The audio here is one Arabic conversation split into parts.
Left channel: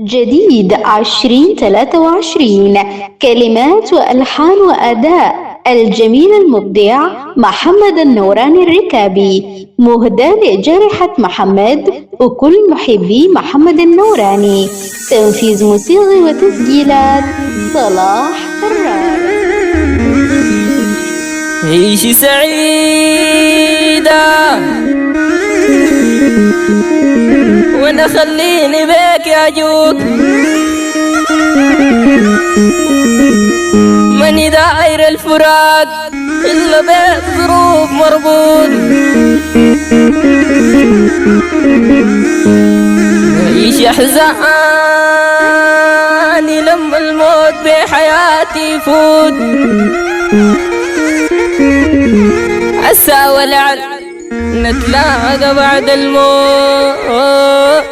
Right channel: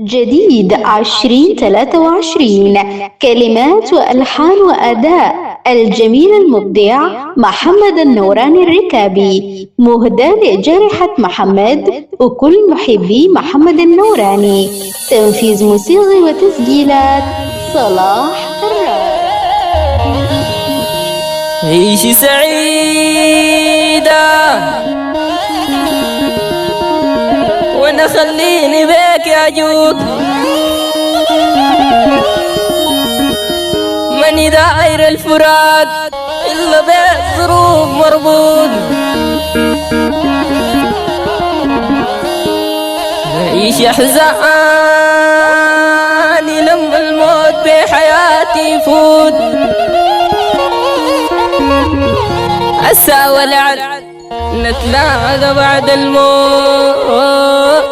جديد 2023. كلمات وألحان وأداء الجميل المبدع محمد النوراني الركابي، مهداة لجارحة محمد وكل محبي محمد النوراني. تنفيذ موسيقي وتسجيلات صلاح كرار. عيشي سعيدة وانا خليني بيك يا جود، ماني داير الفراق الا بالظروف مربوط. عيش احزاني لما الموت بحياتي يفوت، عسى ولعل نتلاقى بعد الموت.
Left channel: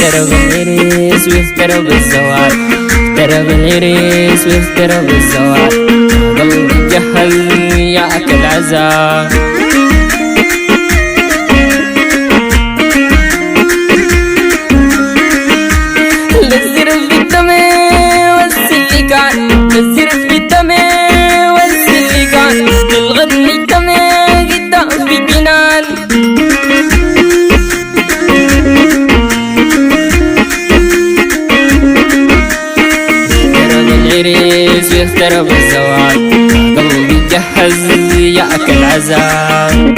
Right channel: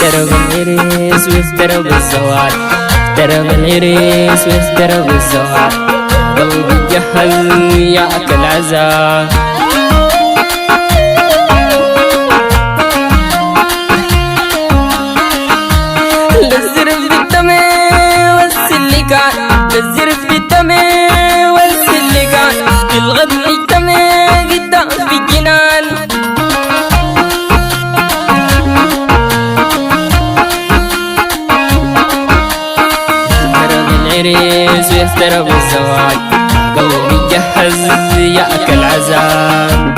افترب العريس وافترب الزواج، افترب العريس وافترب الزواج، قلبي جهز ياكل عزاء. للزرف بالدم والسلكان، للزرف بالدم والسلكان، بالغد نجتمع قدام في الجنان. افترب العريس وافترب الزواج، قلبي جهز ياكل عزاء.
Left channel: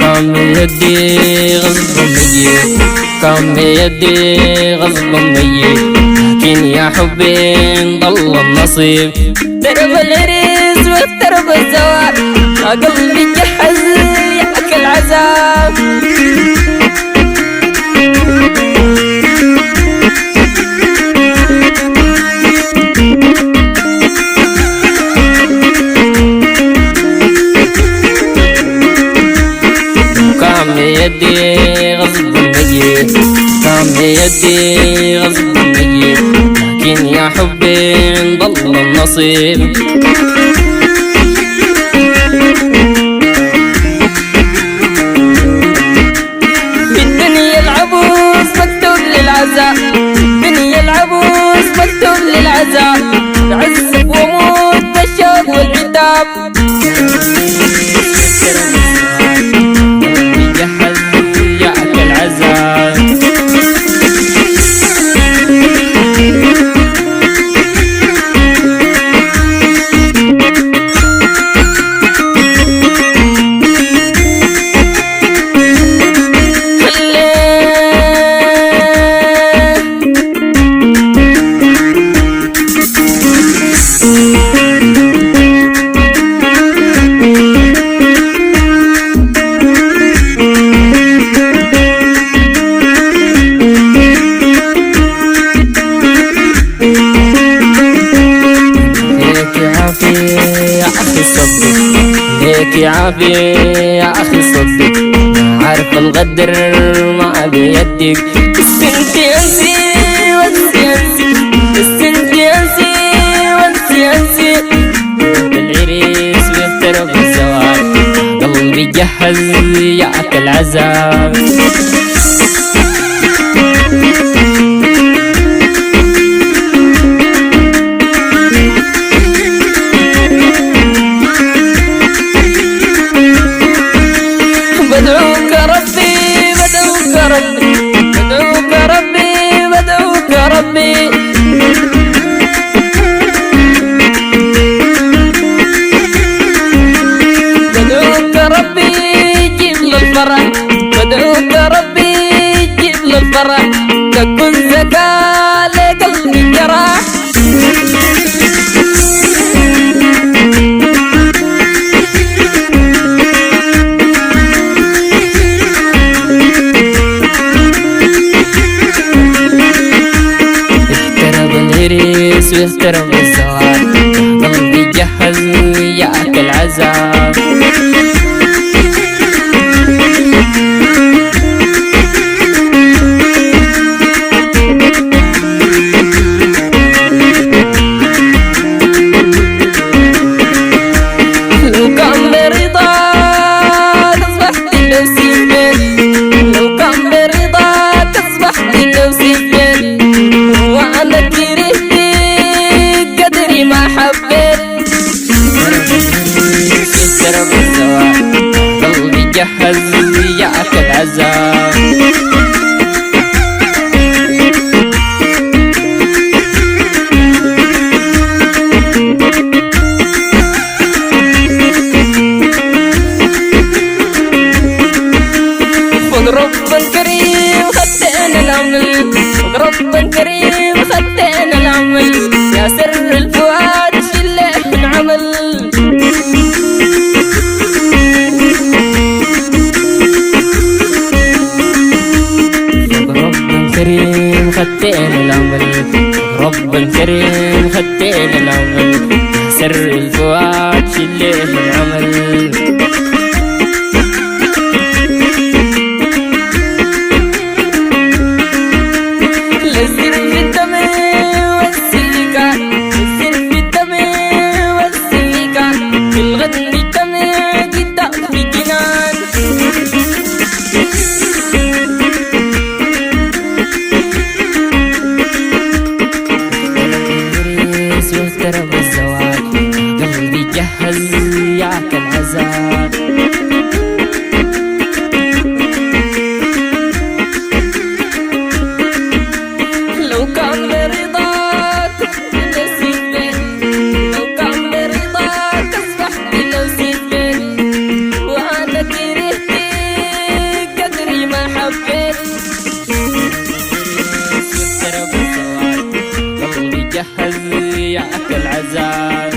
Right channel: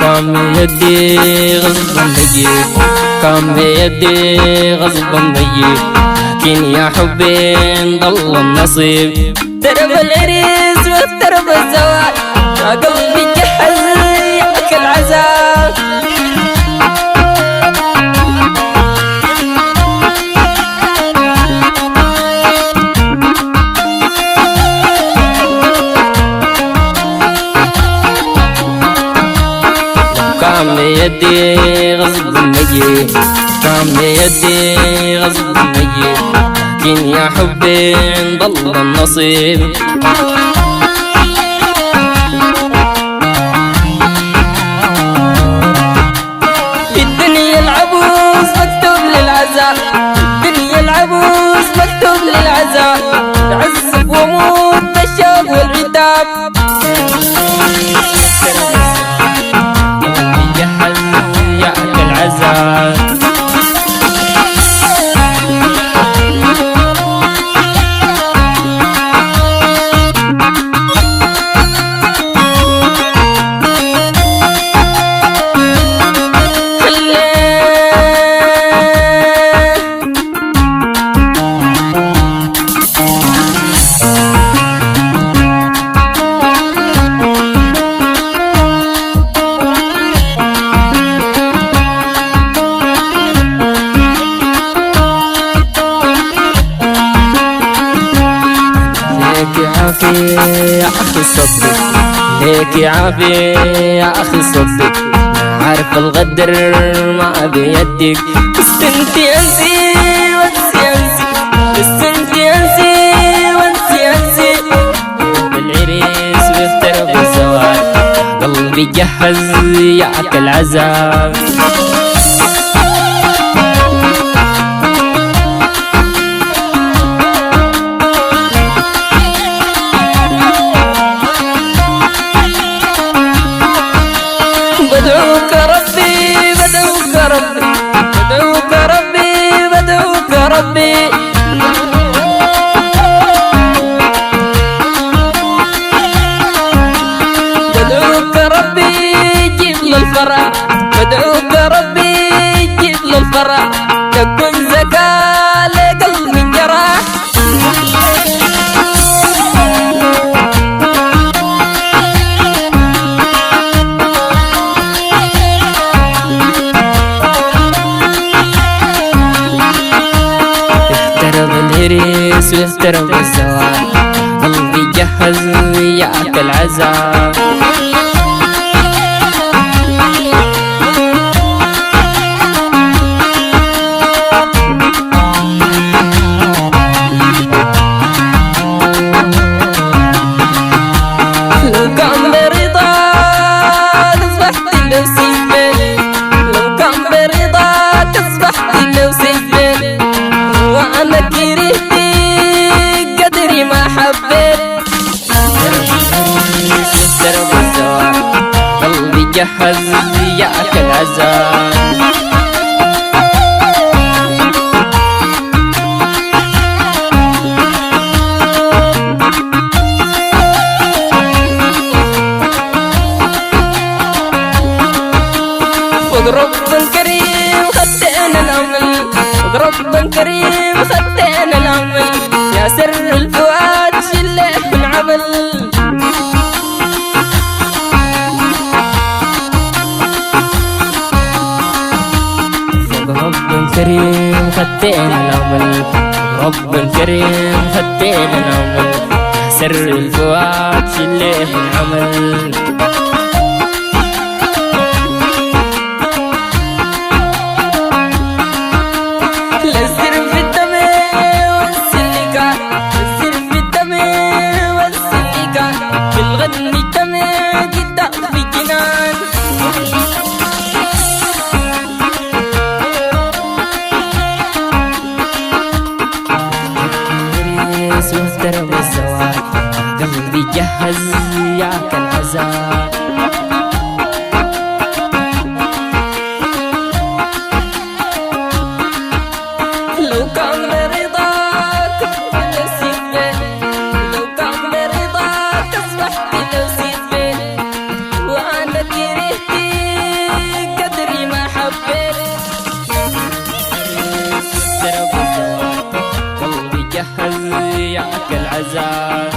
كم يدي غصب ميك، كم يدي غصب ميك، لكن يا حبي انضل النصيب. درب العريس وافترب الزواج، يا قلبي جهز ياكل عذاب. كام يدي غصب ميت، كام يدي غصب ميت، لكن يا حبي انضل النصيب. في الدنيا العبوس مكتوب للعزاء، الدنيا العبوس مكتوب للعزاء، بعذب واموت بالشوق والعتاب. جهز ياكل عزاء. ليك عافية يا أخي صدق، ليك عافية يا أخي صدق، ما عارف الغدر ما بيدك. بس انتي انسي وانسي انسي، بس انتي انسي وانسي انسي. بالعريس وافترب الزواج، قلبي جهز ياكل عذاب. بدعوك ربي بدعوك ربي بدعوك ربي بدعوك ربي بدعوك ربي يجيب له الفرح، بدعوك ربي يجيب له الفرح، تكون زكاة لقلب انجرح. اقترب العريس واقترب الزواج، قلبي جهز وياك العزاء. لو كان برضاك اصبحت لو سيبني، لو كان برضاك اصبحت لو سيبني، وانا كرهتك قدري ما حبيت. اقترب العريس واقترب الزواج، قلبي جهز وياك العزاء. فوق رب كريم خدتنا الأمل، فوق رب كريم خدتنا الأمل، يا سر الفؤاد شله انعمل. فوق رب كريم خدتنا الأمل، فوق رب كريم خدتنا الأمل، يا سر الفؤاد شله انعمل. للسر في الدم والسلكات، للسر في الدم والسلكات، في الغد نجتمع جدا في جنان. اقترب العريس واقترب الزواج، قلبي جهز ياك العزاء. لو كان برضاك لو سيبني، لو كان برضاك اصبحت لو سيبني، وانا كرهتك قدري ما حبيت. العريس واقترب الزواج، قلبي جهز ياك العزاء.